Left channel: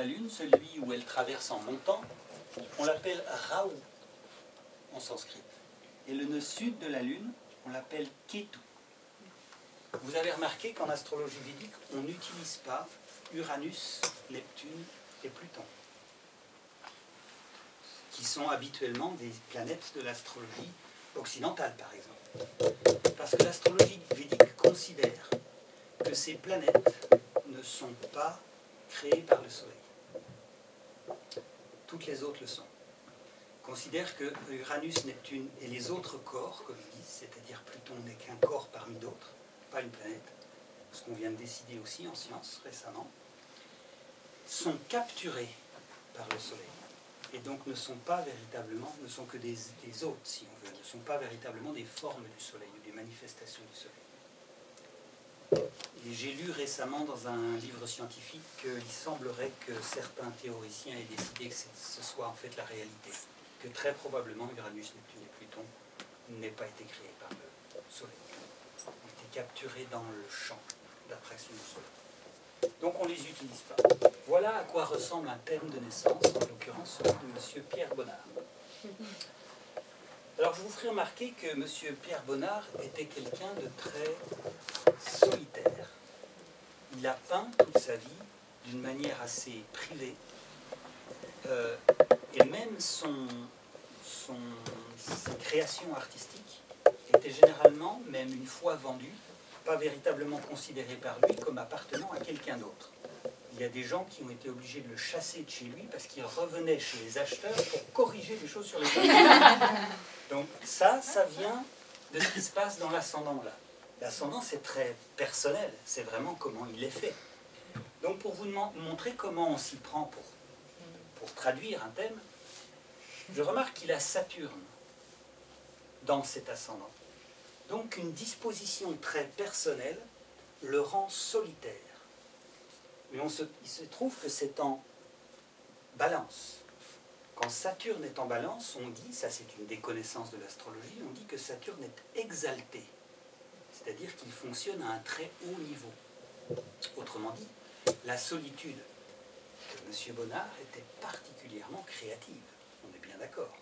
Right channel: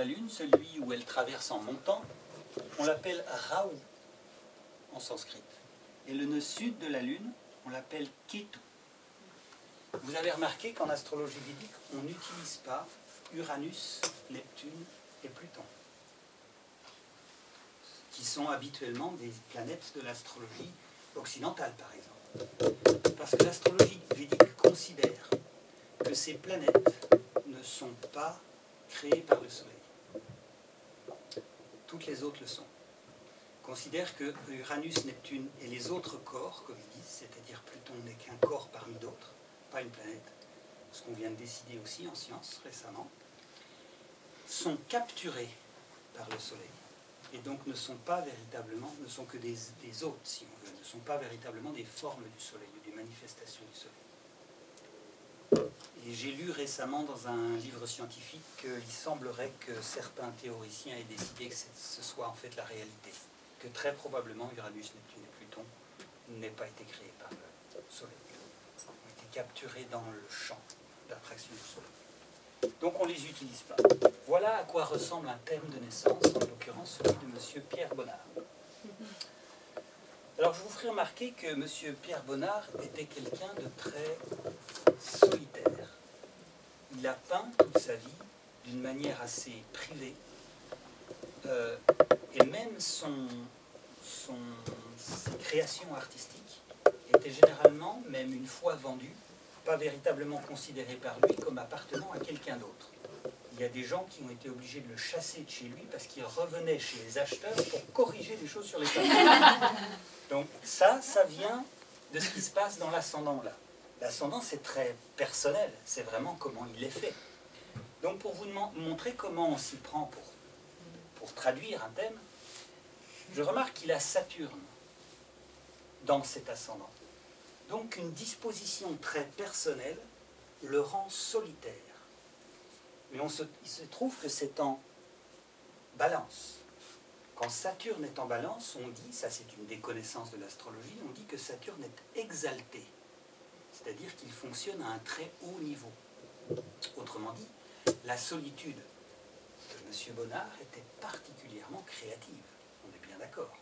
la Lune, celui où elle traverse en montant, on l'appelle Rahu en sanskrit. Et le nœud sud de la Lune, on l'appelle Ketu. Vous avez remarqué qu'en astrologie védique, on n'utilise pas Uranus, Neptune et Pluton, qui sont habituellement des planètes de l'astrologie occidentale, par exemple. Parce que l'astrologie védique considère que ces planètes ne sont pas créées par le Soleil. Toutes les autres le sont. Considère que Uranus, Neptune et les autres corps, comme ils disent, c'est-à-dire Pluton n'est qu'un corps parmi d'autres, pas une planète, ce qu'on vient de décider aussi en science récemment, sont capturés par le Soleil. Et donc ne sont pas véritablement, ne sont que des hôtes, si on veut, ne sont pas véritablement des formes du Soleil ou des manifestations du Soleil. Et j'ai lu récemment dans un livre scientifique qu'il semblerait que certains théoriciens aient décidé que ce soit en fait la réalité, que très probablement Uranus, Neptune et Pluton n'aient pas été créés par le Soleil, ont été capturés dans le champ d'attraction du Soleil. Donc on ne les utilise pas. Voilà à quoi ressemble un thème de naissance, en l'occurrence celui de M. Pierre Bonnard. Alors je vous ferai remarquer que M. Pierre Bonnard était quelqu'un de très solitaire. Il a peint toute sa vie d'une manière assez privée, et même ses créations artistiques étaient généralement, même une fois vendues, pas véritablement considérées par lui comme appartenant à quelqu'un d'autre. Il y a des gens qui ont été obligés de le chasser de chez lui parce qu'il revenait chez les acheteurs pour corriger les choses sur les papiers. Donc ça vient de ce qui se passe dans l'ascendant là. L'ascendant, c'est très personnel, c'est vraiment comment il est fait. Donc pour vous montrer comment on s'y prend pour traduire un thème, je remarque qu'il a Saturne dans cet ascendant. Donc une disposition très personnelle le rend solitaire. Mais il se trouve que c'est en balance. Quand Saturne est en balance, on dit, ça c'est une des connaissances de l'astrologie, on dit que Saturne est exalté. C'est-à-dire qu'il fonctionne à un très haut niveau. Autrement dit, la solitude de M. Bonnard était particulièrement créative, on est bien d'accord.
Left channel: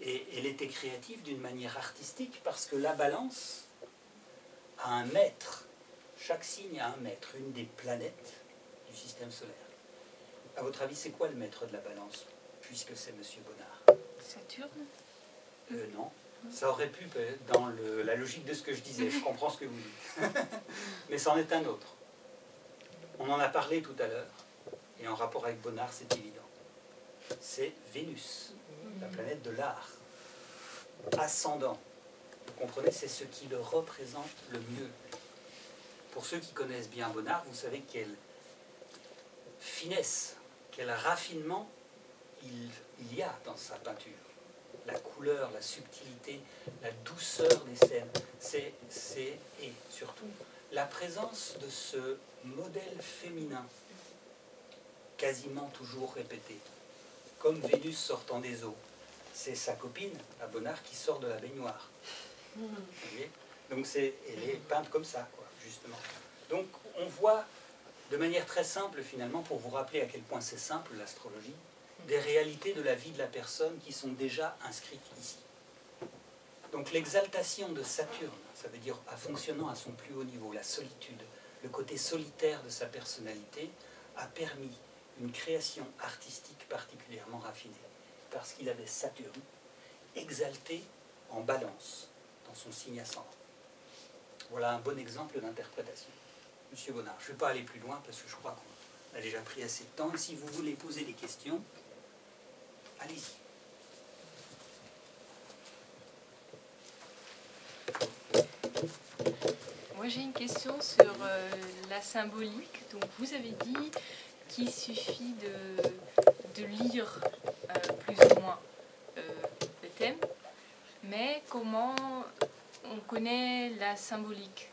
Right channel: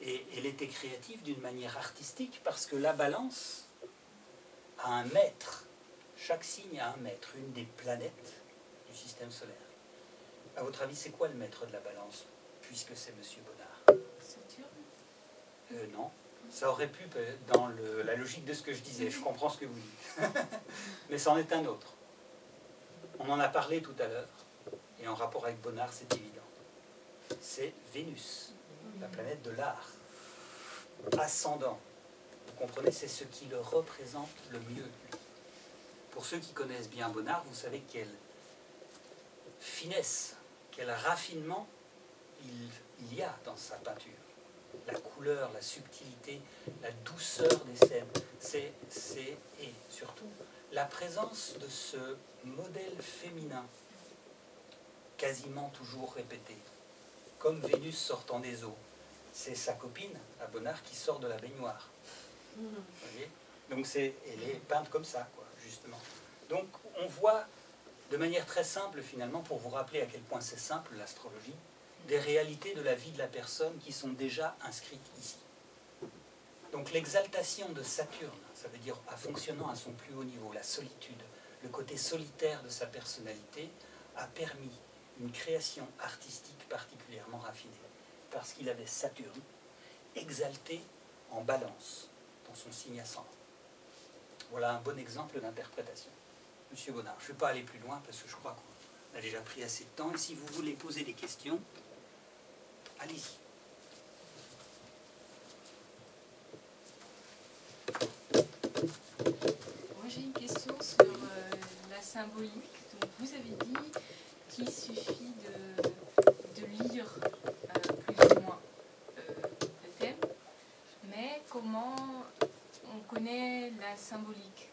Et elle était créative d'une manière artistique parce que la balance a un maître, chaque signe a un maître, une des planètes du système solaire. À votre avis, c'est quoi le maître de la balance, puisque c'est M. Bonnard? Saturne? Non. Ça aurait pu, dans la logique de ce que je disais, je comprends ce que vous dites. Mais c'en est un autre. On en a parlé tout à l'heure, et en rapport avec Bonnard, c'est évident. C'est Vénus, la planète de l'art. Ascendant. Vous comprenez, c'est ce qui le représente le mieux. Pour ceux qui connaissent bien Bonnard, vous savez quelle finesse, quel raffinement il y a dans sa peinture. La couleur, la subtilité, la douceur des scènes, et surtout la présence de ce modèle féminin, quasiment toujours répété, comme Vénus sortant des eaux. C'est sa copine, à Bonnard, qui sort de la baignoire. Vous voyez? Donc elle est peinte comme ça, quoi, justement. Donc on voit, de manière très simple finalement, pour vous rappeler à quel point c'est simple l'astrologie, des réalités de la vie de la personne qui sont déjà inscrites ici. Donc l'exaltation de Saturne, ça veut dire à fonctionnant à son plus haut niveau, la solitude, le côté solitaire de sa personnalité, a permis une création artistique particulièrement raffinée, parce qu'il avait Saturne exalté en balance dans son signe ascendant. Voilà un bon exemple d'interprétation. Monsieur Bonnard, je ne vais pas aller plus loin parce que je crois qu'on a déjà pris assez de temps, et si vous voulez poser des questions, allez-y. Moi j'ai une question sur la symbolique. Donc vous avez dit qu'il suffit de lire plus ou moins le thème, mais comment on connaît la symbolique?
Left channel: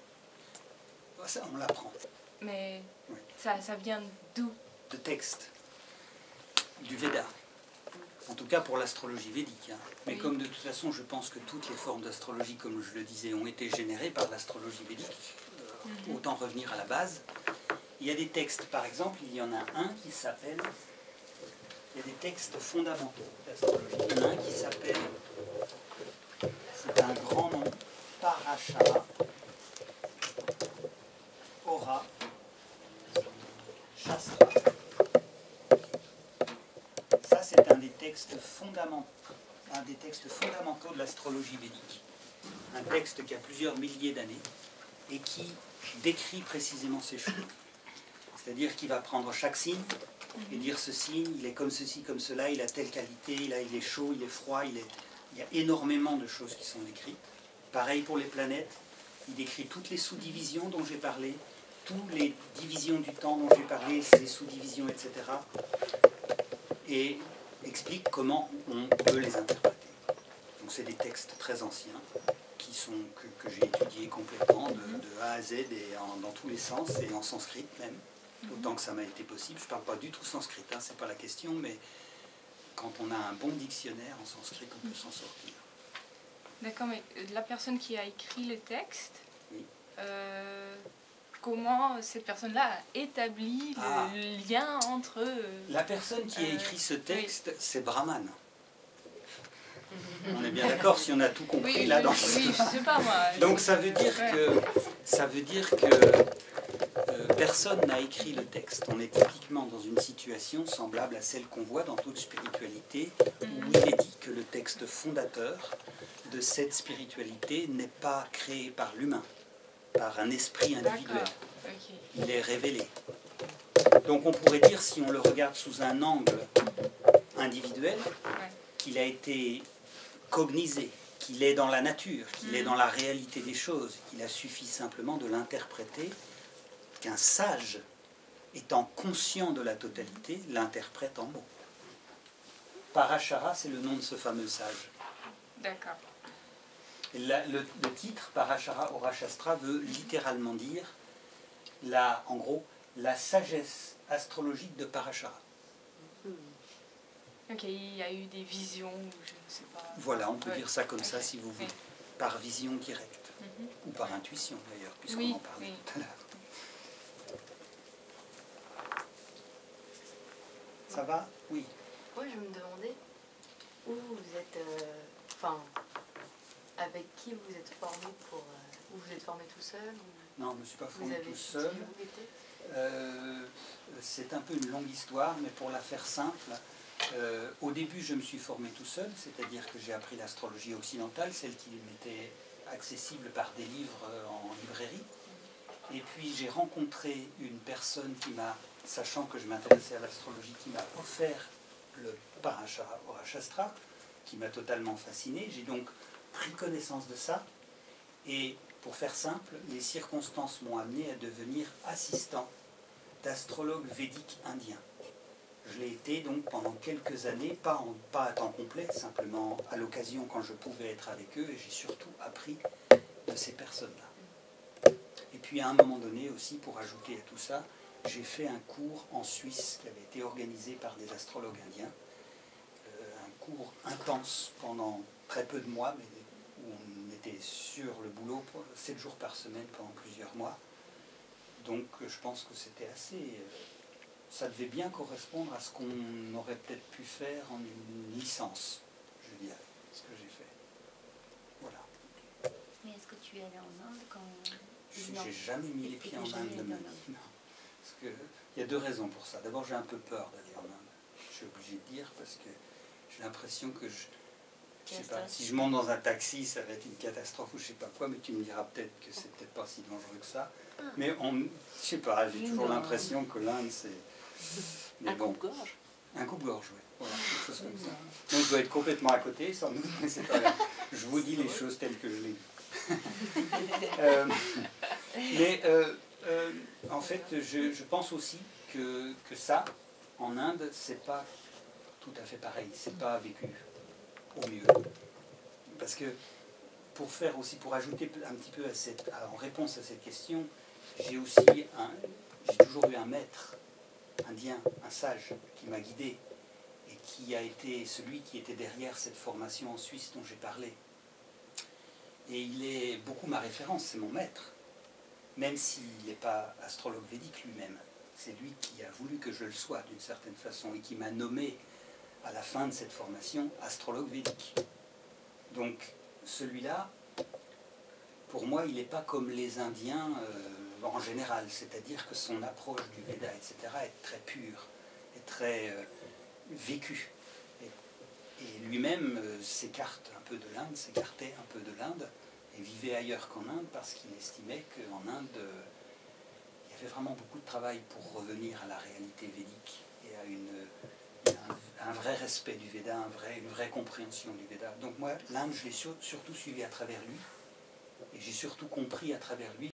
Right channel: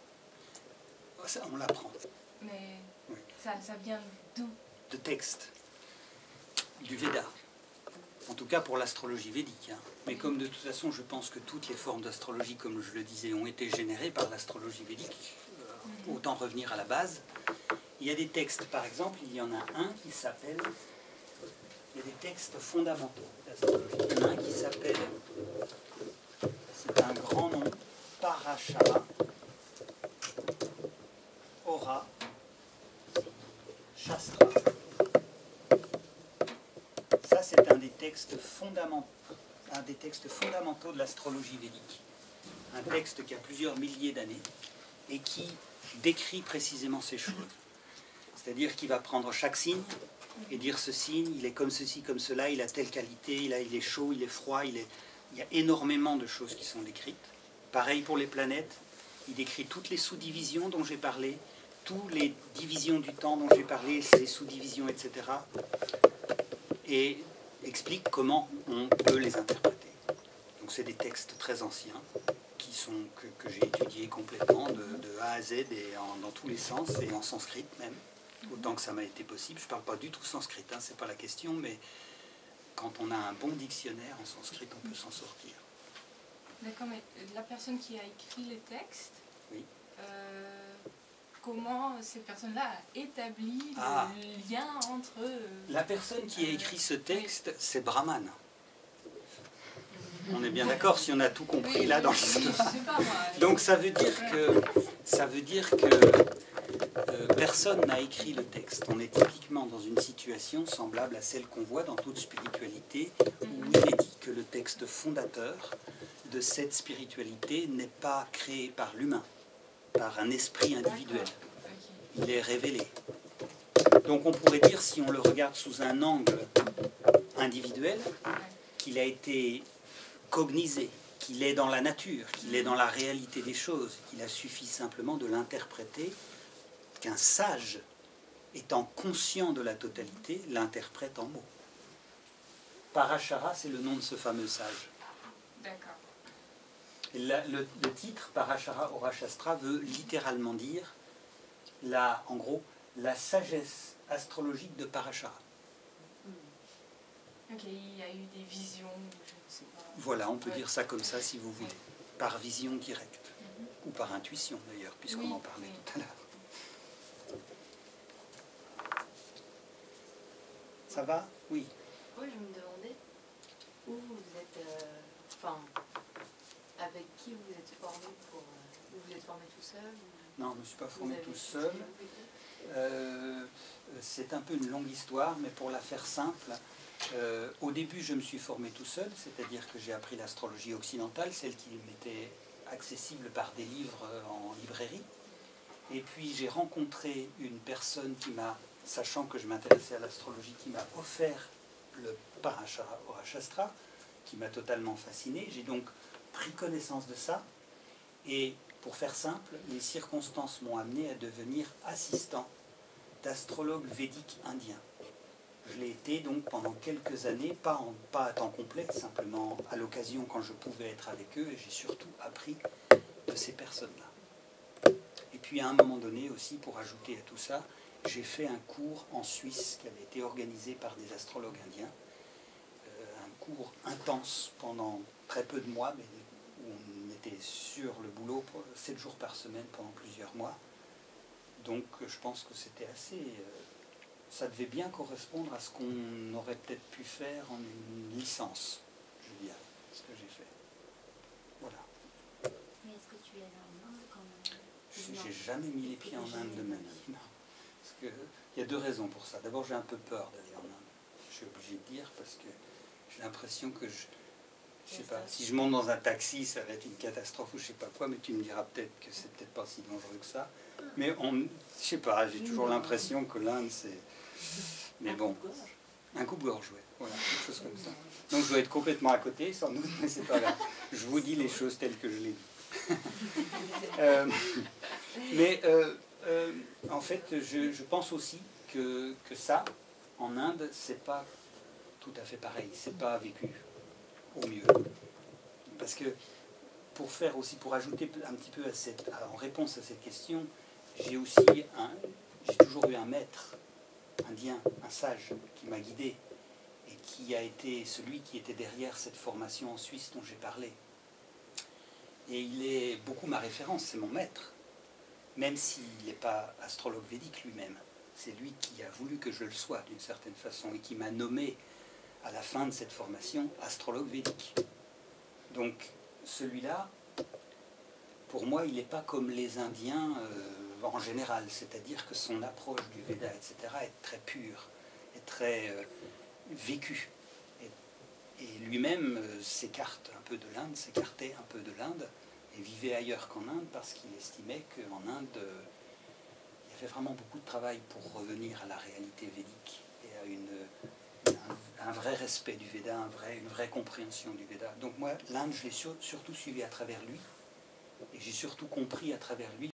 Ça, on l'apprend. Mais oui. ça vient d'où? De texte, du Veda. En tout cas pour l'astrologie védique. Hein. Mais oui. Comme de toute façon, je pense que toutes les formes d'astrologie, comme je le disais, ont été générées par l'astrologie védique, autant revenir à la base. Il y a des textes, par exemple, il y en a un qui s'appelle... Il y a des textes fondamentaux d'astrologie. Il y en a un qui s'appelle... C'est un grand nom, Parashara Ora Shastra. Ça, c'est un des textes fondamentaux de l'astrologie védique. Un texte qui a plusieurs milliers d'années et qui décrit précisément ces choses. C'est-à-dire qu'il va prendre chaque signe et dire ce signe, il est comme ceci, comme cela, il a telle qualité, il est chaud, il est froid, il y a énormément de choses qui sont décrites. Pareil pour les planètes, il décrit toutes les sous-divisions dont j'ai parlé, toutes les divisions du temps dont j'ai parlé, ces sous-divisions, etc. Et explique comment on peut les interpréter. Donc c'est des textes très anciens que j'ai étudiés complètement de A à Z et dans tous les sens et en sanskrit même, autant que ça m'a été possible. Je ne parle pas du tout sanskrit, hein, c'est pas la question, mais quand on a un bon dictionnaire en sanskrit, on peut s'en sortir. D'accord, mais la personne qui a écrit le texte, oui. Comment cette personne-là a établi le lien entre... La personne qui a écrit ce texte, oui. C'est Brahman. On est bien d'accord si on a tout compris oui, là dans l'histoire. Oui, donc ça veut dire que personne n'a écrit le texte. On est typiquement dans une situation semblable à celle qu'on voit dans toute spiritualité, où il est dit que le texte fondateur de cette spiritualité n'est pas créé par l'humain, par un esprit individuel. Okay. Il est révélé. Donc on pourrait dire, si on le regarde sous un angle individuel, qu'il a été cognisé, qu'il est dans la nature, qu'il est dans la réalité des choses, qu'il a suffi simplement de l'interpréter, qu'un sage, étant conscient de la totalité, l'interprète en mots. Parashara, c'est le nom de ce fameux sage. D'accord. Le titre, Parashara Ora Shastra, veut littéralement dire, en gros, la sagesse astrologique de Parashara. Ok, il y a eu des visions, je ne sais pas. Voilà, on peut dire ça comme ça si vous voulez, par vision directe, ou par intuition d'ailleurs, puisqu'on en parlait tout à l'heure. Ça va? Oui. Oui, je me demandais où vous êtes, avec qui vous êtes formé vous vous êtes formé tout seul ou... Non, je ne me suis pas formé tout seul. C'est un peu une longue histoire, mais pour la faire simple, au début je me suis formé tout seul, c'est-à-dire que j'ai appris l'astrologie occidentale, celle qui m'était accessible par des livres en librairie. Et puis j'ai rencontré une personne qui m'a, sachant que je m'intéressais à l'astrologie, qui m'a offert le Parashara Ora Shastra, qui m'a totalement fasciné. J'ai donc pris connaissance de ça, et pour faire simple, les circonstances m'ont amené à devenir assistant d'astrologue védique indien. Je l'ai été donc pendant quelques années, pas à temps complet, simplement à l'occasion quand je pouvais être avec eux, et j'ai surtout appris de ces personnes-là. Et puis à un moment donné aussi, pour ajouter à tout ça, j'ai fait un cours en Suisse qui avait été organisé par des astrologues indiens, un cours intense pendant très peu de mois, mais où on était sur le boulot 7 jours par semaine pendant plusieurs mois. Donc je pense que c'était assez... ça devait bien correspondre à ce qu'on aurait peut-être pu faire en une licence, je dirais, ce que j'ai fait. Voilà. Mais est-ce que tu es allé en Inde quand... J'ai jamais mis les pieds en Inde de ma vie. Non. Parce que, il y a deux raisons pour ça. D'abord, j'ai un peu peur d'aller en Inde. Je suis obligé de dire parce que j'ai l'impression que je sais pas, si je monte dans un taxi, ça va être une catastrophe ou je sais pas quoi, mais tu me diras peut-être que c'est peut-être pas si dangereux que ça. Mais je sais pas, j'ai toujours l'impression que l'Inde, c'est... Mais un coupe-gorge. Un coupe-gorge, oui. Voilà, quelque chose comme ça. Donc je dois être complètement à côté, sans doute, mais c'est pas grave. Je vous dis les choses telles que je les dis. En fait, je pense aussi que ça, en Inde, c'est pas tout à fait pareil. C'est pas vécu au mieux. Parce que pour ajouter un petit peu en réponse à cette question, j'ai toujours eu un maître indien, un sage, qui m'a guidé et qui a été celui qui était derrière cette formation en Suisse dont j'ai parlé. Et il est beaucoup ma référence, c'est mon maître. même s'il n'est pas astrologue védique lui-même. C'est lui qui a voulu que je le sois d'une certaine façon et qui m'a nommé à la fin de cette formation astrologue védique. Donc celui-là, pour moi, il n'est pas comme les Indiens en général, c'est-à-dire que son approche du Veda, etc., est très pure, est très vécue. Et lui-même s'écarte un peu de l'Inde, s'écartait un peu de l'Inde, et vivait ailleurs qu'en Inde parce qu'il estimait qu'en Inde, il y avait vraiment beaucoup de travail pour revenir à la réalité védique et à un vrai respect du Veda, une vraie compréhension du Veda. Donc moi, l'Inde, je l'ai surtout suivi à travers lui, et j'ai surtout compris à travers lui